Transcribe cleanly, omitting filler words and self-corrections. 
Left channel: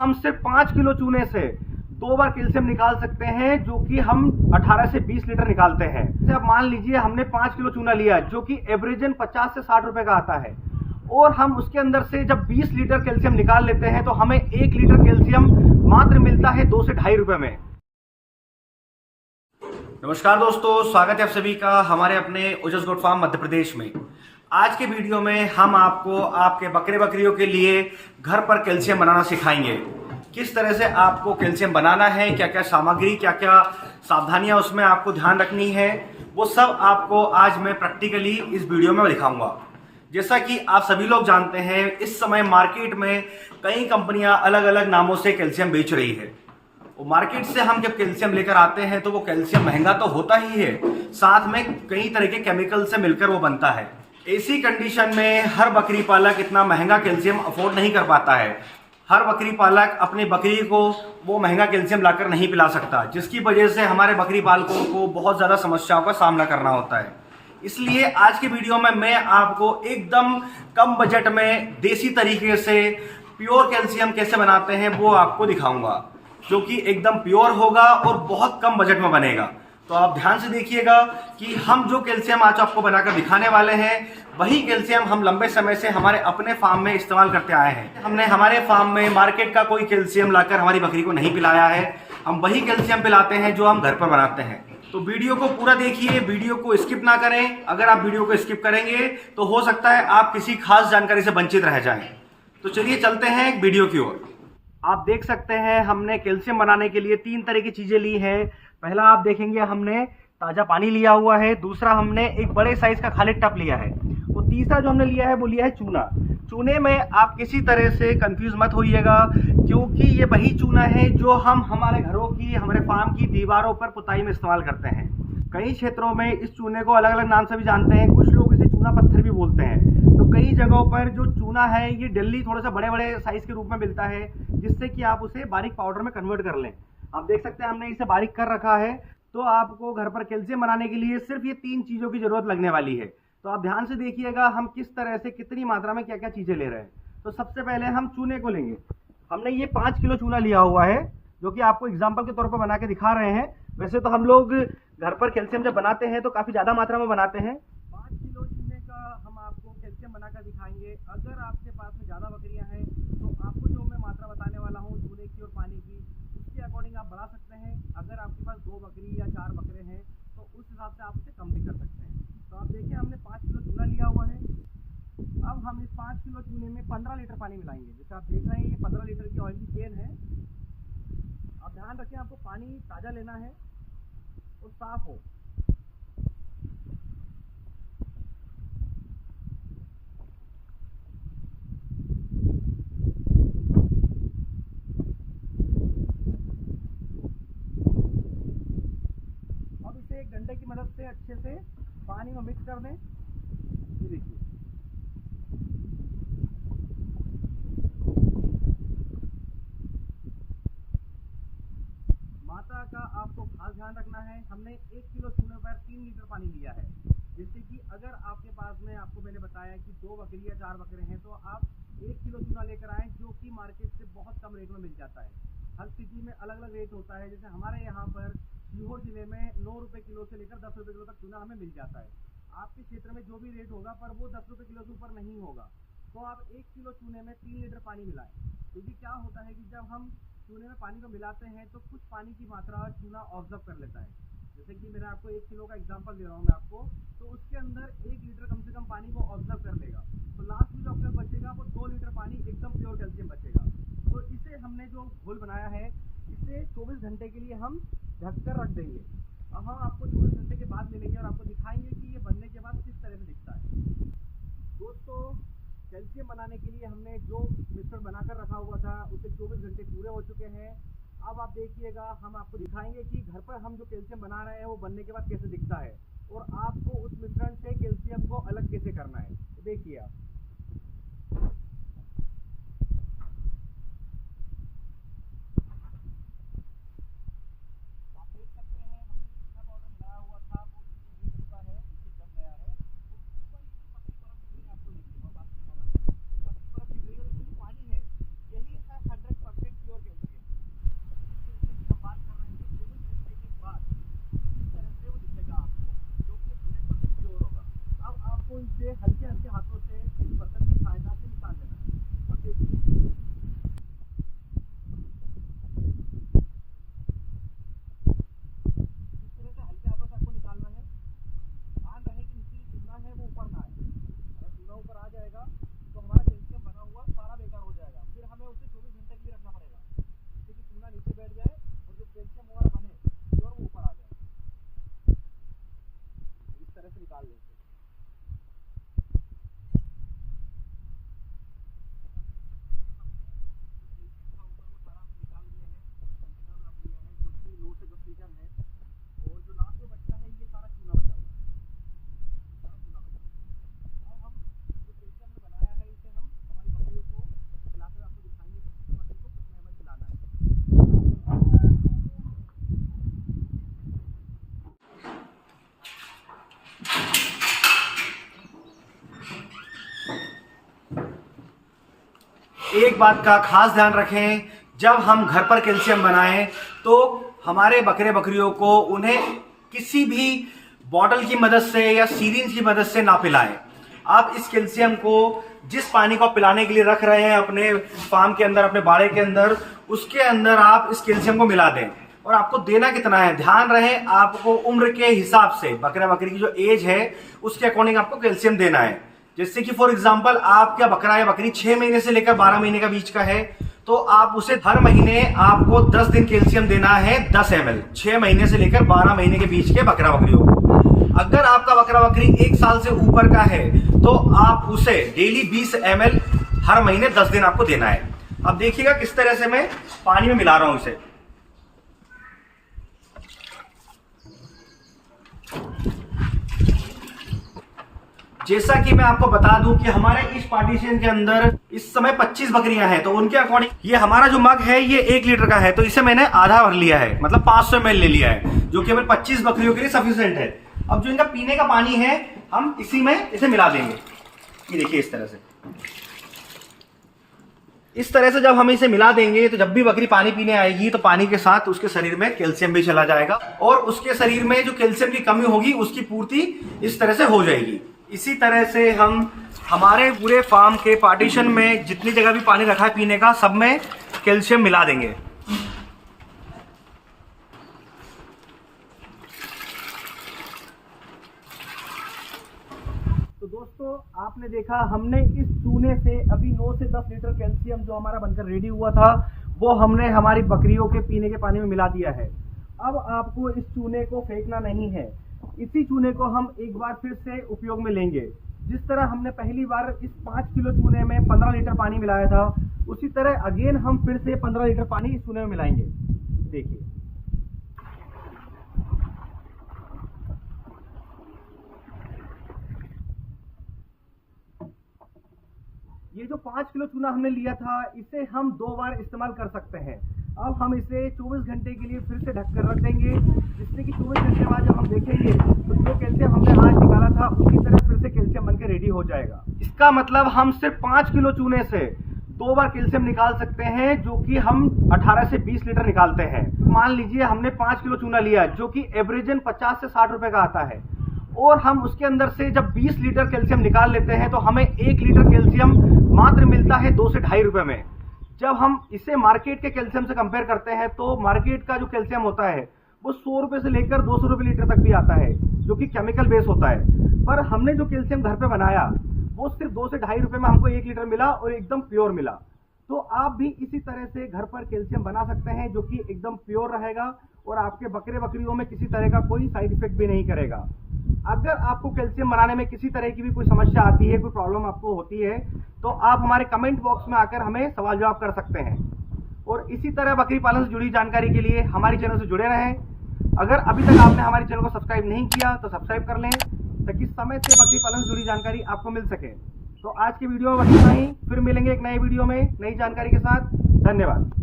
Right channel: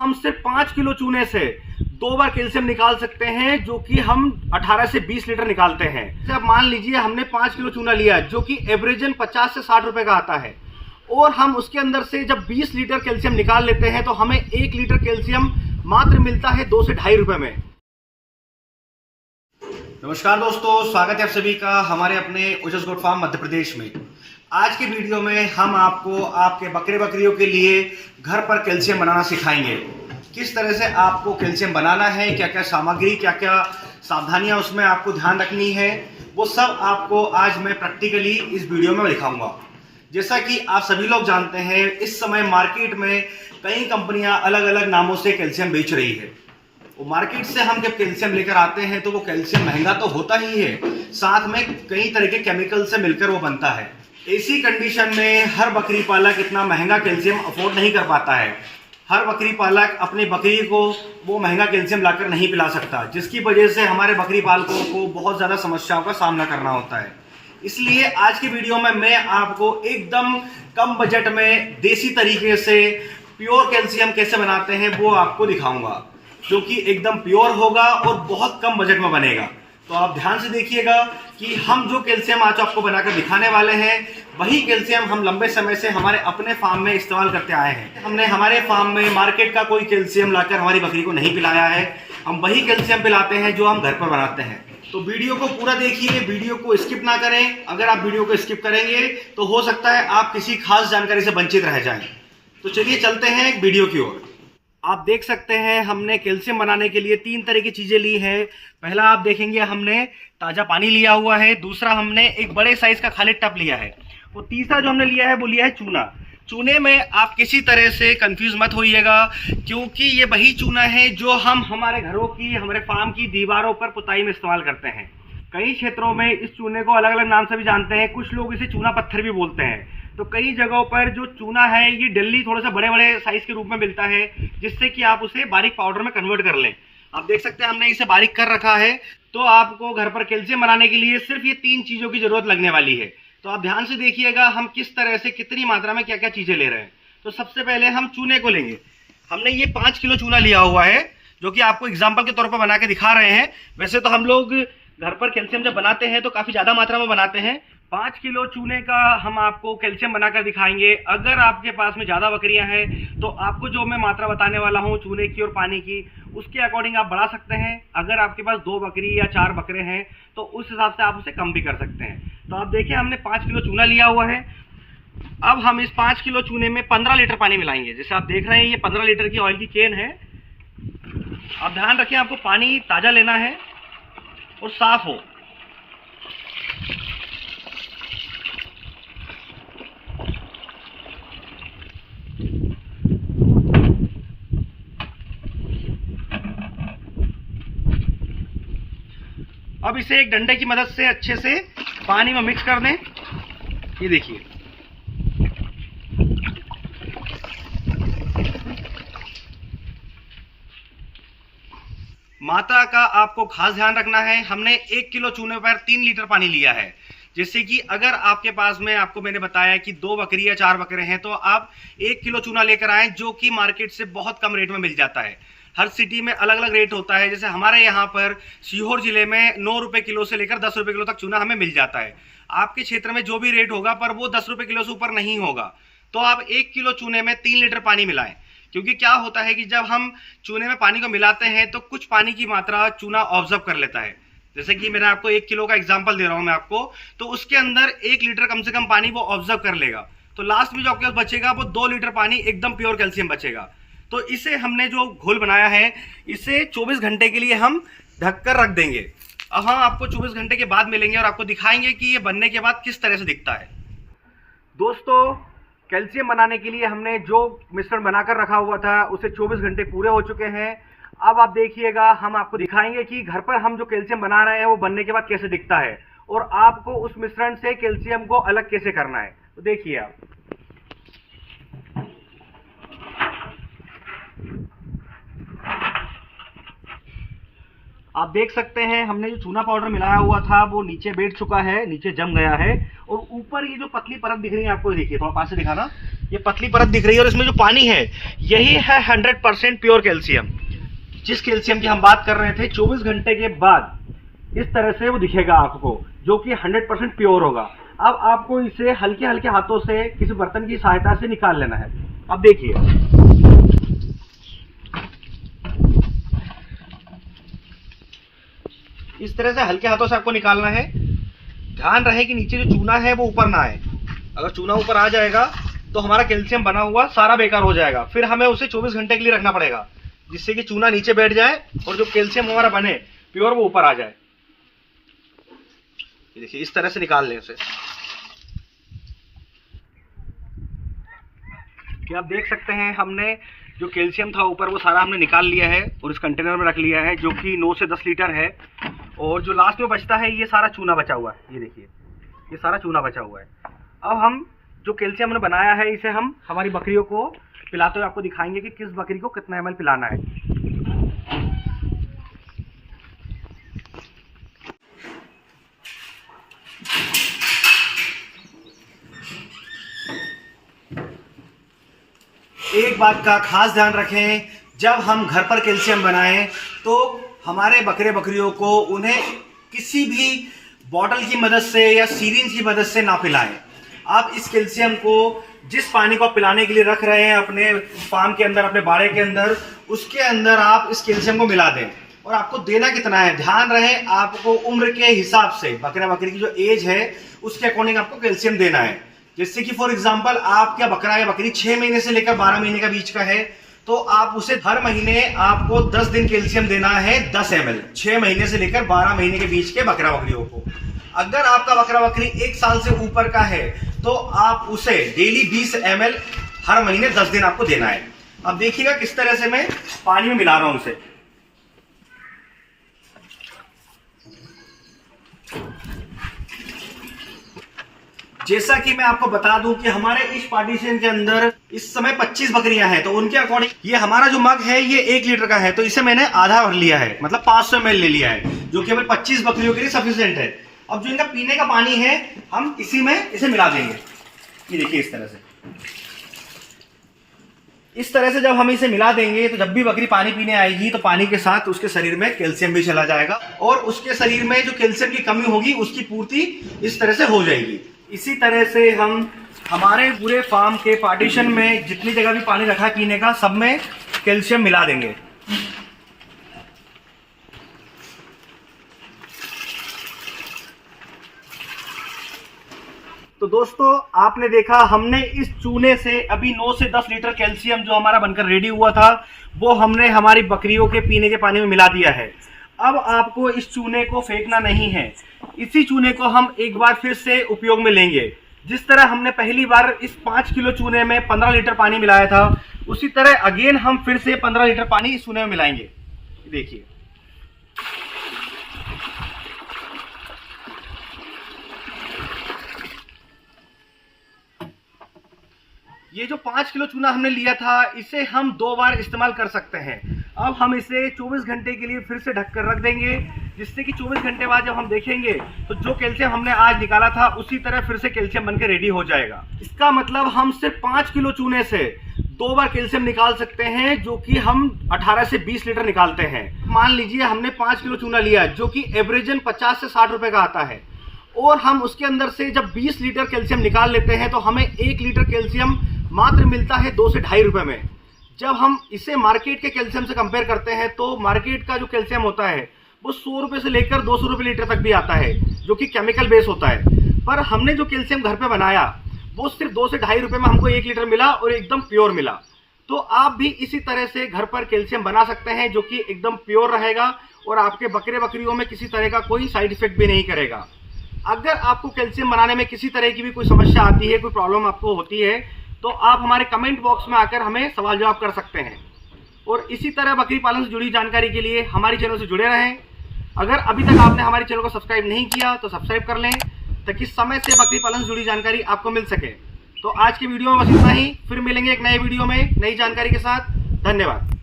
हम सिर्फ 5 किलो चूने से 2 बार कैल्शियम निकाल सकते हैं, जो कि हम 18 से 20 लीटर निकालते हैं। जैसे अब मान लीजिए हमने 5 किलो चूना लिया, जो कि एवरेजन 50 से 60 रुपए का आता है, और हम उसके अंदर से जब 20 लीटर कैल्शियम निकाल लेते हैं तो हमें 1 लीटर कैल्शियम मात्र मिलता है 2 से ढाई रुपए में। नमस्कार दोस्तों, स्वागत है आप सभी का हमारे अपने ओजस गोट फार्म मध्य प्रदेश में। आज के वीडियो में हम आपको आपके बकरे बकरियों के लिए घर पर कैल्शियम बनाना सिखाएंगे। किस तरह से आपको कैल्शियम बनाना है, क्या क्या सामग्री, क्या क्या सावधानियां उसमें आपको ध्यान रखनी है, वो सब आपको आज मैं प्रैक्टिकली इस वीडियो में दिखाऊंगा। जैसा कि आप सभी लोग जानते हैं, इस समय मार्केट में कई कंपनियां अलग अलग नामों से कैल्शियम बेच रही है। वो मार्केट से हम जब कैल्शियम लेकर आते हैं तो वो कैल्शियम महंगा तो होता ही है, साथ में कई तरह के केमिकल से मिलकर वो बनता है। ऐसी कंडीशन में हर बकरी पालक इतना महंगा कैल्शियम अफोर्ड नहीं कर पाता है। हर बकरी पालक अपनी बकरी को वो महंगा कैल्शियम लाकर नहीं पिला सकता, जिसकी वजह से हमारे बकरी पालकों को बहुत ज़्यादा समस्याओं का सामना करना होता है। इसलिए आज की वीडियो में मैं आपको एकदम कम बजट में देसी तरीके से प्योर कैल्शियम कैसे बनाते हैं वो आपको दिखाऊंगा, जो कि एकदम प्योर होगा और बहुत कम बजट में बनेगा। तो आप ध्यान से देखिएगा कि हम जो कैल्शियम आज आपको बनाकर दिखाने वाले हैं, वही कैल्शियम हम लंबे समय से हमारे अपने फार्म में इस्तेमाल करते आए हैं। हमने हमारे फार्म में मार्केट का कोई कैल्शियम लाकर हमारी बकरी को नहीं पिलाया है। हम वही कैल्शियम पिलाते हैं जो हम घर पर बनाते हैं। तो वीडियो को पूरा देखिए, वीडियो को स्किप ना करें। अगर आप वीडियो को स्किप करेंगे तो हो सकता है आप किसी खास जानकारी से वंचित रह जाएं। तो चलिए चलते हैं एक वीडियो की ओर। आप देख सकते हैं हमने कैल्शियम बनाने के लिए 3 तरह की चीज़ें ली है। पहला आप देखेंगे हमने ताज़ा पानी लिया हुआ है, दूसरा हमने एक बड़े साइज़ का खाली टब लिया है, और तीसरा जो हमने लिया है वो लिया है चूना। चूने में आप किसी तरह से कंफ्यूज मत होइएगा, क्योंकि ये वही चूना है जो हम हमारे घरों की, हमारे फार्म की दीवारों पर पुताई में इस्तेमाल करते हैं। कई क्षेत्रों में इस चूने को अलग अलग नाम से भी जानते हैं, कुछ लोग इसे चूना पत्थर भी बोलते हैं। तो कई जगहों पर जो चूना है ये दिल्ली थोड़ा सा बड़े बड़े साइज के रूप में मिलता है, जिससे कि आप उसे बारीक पाउडर में कन्वर्ट कर लें। आप देख सकते हैं हमने इसे बारीक कर रखा है। तो आपको घर पर कैल्शियम बनाने के लिए सिर्फ ये 3 चीज़ों की जरूरत लगने वाली है। तो आप ध्यान से देखिएगा हम किस तरह से कितनी मात्रा में क्या क्या चीज़ें ले रहे हैं। तो सबसे पहले हम चूने को लेंगे। हमने ये 5 किलो चूना लिया हुआ है, जो कि आपको एग्जाम्पल के तौर पर बना के दिखा रहे हैं। वैसे तो हम लोग घर पर कैल्शियम जब बनाते हैं तो काफ़ी ज़्यादा मात्रा में बनाते हैं। 5 किलो चूने का हम आपको कैल्शियम बनाकर दिखाएंगे। अगर आपके पास में ज़्यादा बकरियां हैं तो आपको जो मैं मात्रा बताने वाला हूं चूने की और पानी की, उसके अकॉर्डिंग आप बढ़ा सकते हैं। अगर आपके पास 2 बकरी या 4 बकरे हैं तो उस हिसाब से आप उसे कम भी कर सकते हैं। तो आप देखिए हमने 5 किलो चूना लिया हुआ है। अब हम इस 5 किलो चूने में 15 लीटर पानी मिलाएंगे। जैसे आप देख रहे हैं ये 15 लीटर की ऑयल की केन है। आप ध्यान रखें, आपको पानी ताज़ा लेना है और साफ हो। अब इसे एक डंडे की मदद से अच्छे से पानी में मिक्स कर दें। ये देखिए, मात्रा का आपको खास ध्यान रखना है। हमने 1 किलो चूने पर 3 लीटर पानी लिया है। जैसे कि अगर आपके पास में, आपको मैंने बताया कि 2 बकरी या 4 बकरे हैं, तो आप 1 किलो चूना लेकर आएँ, जो कि मार्केट से बहुत कम रेट में मिल जाता है। हर सिटी में अलग अलग रेट होता है। जैसे हमारे यहाँ पर सीहोर जिले में 9 रुपये किलो से लेकर 10 रुपये किलो तक चूना हमें मिल जाता है। आपके क्षेत्र में जो भी रेट होगा पर वो 10 रुपये किलो से ऊपर नहीं होगा। तो आप 1 किलो चूने में 3 लीटर पानी मिलाएं, क्योंकि क्या होता है कि जब हम चूने में पानी को मिलाते हैं तो कुछ पानी की मात्रा चूना ऑब्जर्व कर लेता है। जैसे कि मैंने आपको 1 किलो का एग्जांपल दे रहा हूं मैं आपको, तो उसके अंदर 1 लीटर कम से कम पानी वो ऑब्जर्व कर लेगा। तो लास्ट में जो आपके पास बचेगा वो 2 लीटर पानी एकदम प्योर कैल्शियम बचेगा। तो इसे हमने जो घोल बनाया है, इसे 24 घंटे के लिए हम ढककर रख देंगे। अब हम आपको 24 घंटे के बाद मिलेंगे और आपको दिखाएंगे कि ये बनने के बाद किस तरह से दिखता है। दोस्तों, कैल्शियम बनाने के लिए हमने जो मिश्रण बनाकर रखा हुआ था उसे 24 घंटे पूरे हो चुके हैं। अब आप देखिएगा, हम आपको दिखाएंगे कि घर पर हम जो कैल्शियम बना रहे हैं वो बनने के बाद कैसे दिखता है, और आपको उस मिश्रण से कैल्शियम को अलग कैसे करना है। तो देखिए आप देख सकते हैं हमने जो चूना पाउडर मिलाया हुआ था वो नीचे बैठ चुका है, नीचे जम गया है, और ऊपर ये जो पतली परत दिख रही है आपको, देखिए थोड़ा पास से दिखाना, ये पतली परत दिख रही है और इसमें जो पानी है यही है 100% प्योर कैल्शियम। जिस कैल्शियम की हम बात कर रहे थे 24 घंटे के बाद इस तरह से वो दिखेगा आपको, जो कि 100% प्योर होगा। अब आपको इसे हल्के हल्के हाथों से किसी बर्तन की सहायता से निकाल लेना है। अब देखिए, इस तरह से हल्के हाथों से आपको निकालना है। ध्यान रहे कि नीचे जो चूना है वो ऊपर ना आए। अगर चूना ऊपर आ जाएगा तो हमारा कैल्शियम बना हुआ सारा बेकार हो जाएगा। फिर हमें उसे 24 घंटे के लिए रखना पड़ेगा, जिससे कि चूना नीचे बैठ जाए और जो कैल्शियम हमारा बने प्योर वो ऊपर आ जाए। देखिए इस तरह से निकाल लें उसे। कि आप देख सकते हैं हमने जो कैल्शियम था ऊपर वो सारा हमने निकाल लिया है और इस कंटेनर में रख लिया है, जो कि 9 से 10 लीटर है। और जो लास्ट में बचता है ये सारा चूना बचा हुआ है। ये देखिए ये सारा चूना बचा हुआ है। अब हम जो कैल्शियम हमने बनाया है इसे हम हमारी बकरियों को पिलाते हुए आपको दिखाएंगे कि किस बकरी को कितना ml पिलाना है। एक बात का खास ध्यान रखें, जब हम घर पर कैल्शियम बनाएं तो हमारे बकरे बकरियों को उन्हें किसी भी बॉटल की मदद से या सीरिंज की मदद से ना पिलाएं। आप इस कैल्शियम को जिस पानी को पिलाने के लिए रख रहे हैं अपने फार्म के अंदर, अपने बाड़े के अंदर, उसके अंदर आप इस कैल्शियम को मिला दें। और आपको देना कितना है, ध्यान रहे आपको उम्र के हिसाब से, बकरा बकरी की जो एज है उसके अकॉर्डिंग आपको कैल्शियम देना है। जैसे कि फॉर एग्जांपल आपका बकरा या बकरी 6 महीने से लेकर 12 महीने का बीच का है, तो आप उसे हर महीने आपको 10 दिन कैल्शियम देना है 10 ml, 6 महीने से लेकर 12 महीने के बीच के बकरा बकरियों को। अगर आपका बकरा बकरी 1 साल से ऊपर का है तो आप उसे डेली 20 ml हर महीने 10 दिन आपको देना है। अब देखिएगा किस तरह से मैं पानी में मिला रहा हूं इसे। जैसा कि मैं आपको बता दूं कि हमारे इस पार्टीशन के अंदर इस समय 25 बकरियां हैं, तो उनके अकॉर्डिंग ये हमारा जो मग है ये 1 लीटर का है, तो इसे मैंने आधा भर लिया है, मतलब 500 ml ले लिया है, जो कि हमें 25 बकरियों के लिए सफिशिएंट है। अब जो इनका पीने का पानी है हम इसी में इसे मिला देंगे। ये देखिए इस तरह से जब हम इसे मिला देंगे तो जब भी बकरी पानी पीने आएगी तो पानी के साथ उसके शरीर में कैल्शियम भी चला जाएगा और उसके शरीर में जो कैल्शियम की कमी होगी उसकी पूर्ति इस तरह से हो जाएगी। इसी तरह से हम हमारे पूरे फार्म के पार्टीशन में जितनी जगह भी पानी रखा है पीने का, सब में कैल्शियम मिला देंगे। तो दोस्तों आपने देखा हमने इस चूने से अभी 9 से 10 लीटर कैल्शियम जो हमारा बनकर रेडी हुआ था वो हमने हमारी बकरियों के पीने के पानी में मिला दिया है। अब आपको इस चूने को फेंकना नहीं है, इसी चूने को हम एक बार फिर से उपयोग में लेंगे। जिस तरह हमने पहली बार इस 5 किलो चूने में 15 लीटर पानी मिलाया था, उसी तरह अगेन हम फिर से 15 लीटर पानी इस चूने में मिलाएंगे। देखिए ये जो 5 किलो चूना हमने लिया था इसे हम 2 बार इस्तेमाल कर सकते हैं। अब हम इसे 24 घंटे के लिए फिर से ढककर रख देंगे, जिससे कि 24 घंटे बाद जब हम देखेंगे तो जो कैल्शियम हमने आज निकाला था उसी तरह फिर से कैल्शियम बनकर रेडी हो जाएगा। इसका मतलब हम सिर्फ 5 किलो चूने से 2 बार कैल्शियम निकाल सकते हैं, जो कि हम 18 से 20 लीटर निकालते हैं। मान लीजिए हमने 5 किलो चूना लिया जो कि एवरेजन 50 से 60 रुपए का आता है, और हम उसके अंदर से जब 20 लीटर कैल्शियम निकाल लेते हैं तो हमें 1 लीटर कैल्शियम मात्र मिलता है 2 से 2.5 रुपए में। जब हम इसे मार्केट के कैल्शियम से कंपेयर करते हैं तो मार्केट का जो कैल्शियम होता है वो 100 रुपए से लेकर 200 रुपए लीटर तक भी आता है, जो कि केमिकल बेस होता है। पर हमने जो कैल्शियम घर पे बनाया वो सिर्फ 2 से 2.5 रुपए में हमको 1 लीटर मिला और एकदम प्योर मिला। तो आप भी इसी तरह से घर पर कैल्शियम बना सकते हैं, जो कि एकदम प्योर रहेगा और आपके बकरे बकरियों में किसी तरह का कोई साइड इफेक्ट भी नहीं करेगा। अगर आपको कैल्शियम बनाने में किसी तरह की भी कोई समस्या आती है, कोई प्रॉब्लम आपको होती है, तो आप हमारे कमेंट बॉक्स में आकर हमें सवाल जवाब कर सकते हैं। और इसी तरह बकरी पालन से जुड़ी जानकारी के लिए हमारे चैनल से जुड़े रहें। अगर अभी तक आपने हमारे चैनल को सब्सक्राइब नहीं किया तो सब्सक्राइब कर लें, ताकि समय से बकरी पालन से जुड़ी जानकारी आपको मिल सके। तो आज की वीडियो में बस इतना ही, फिर मिलेंगे एक नए वीडियो में नई जानकारी के साथ। धन्यवाद।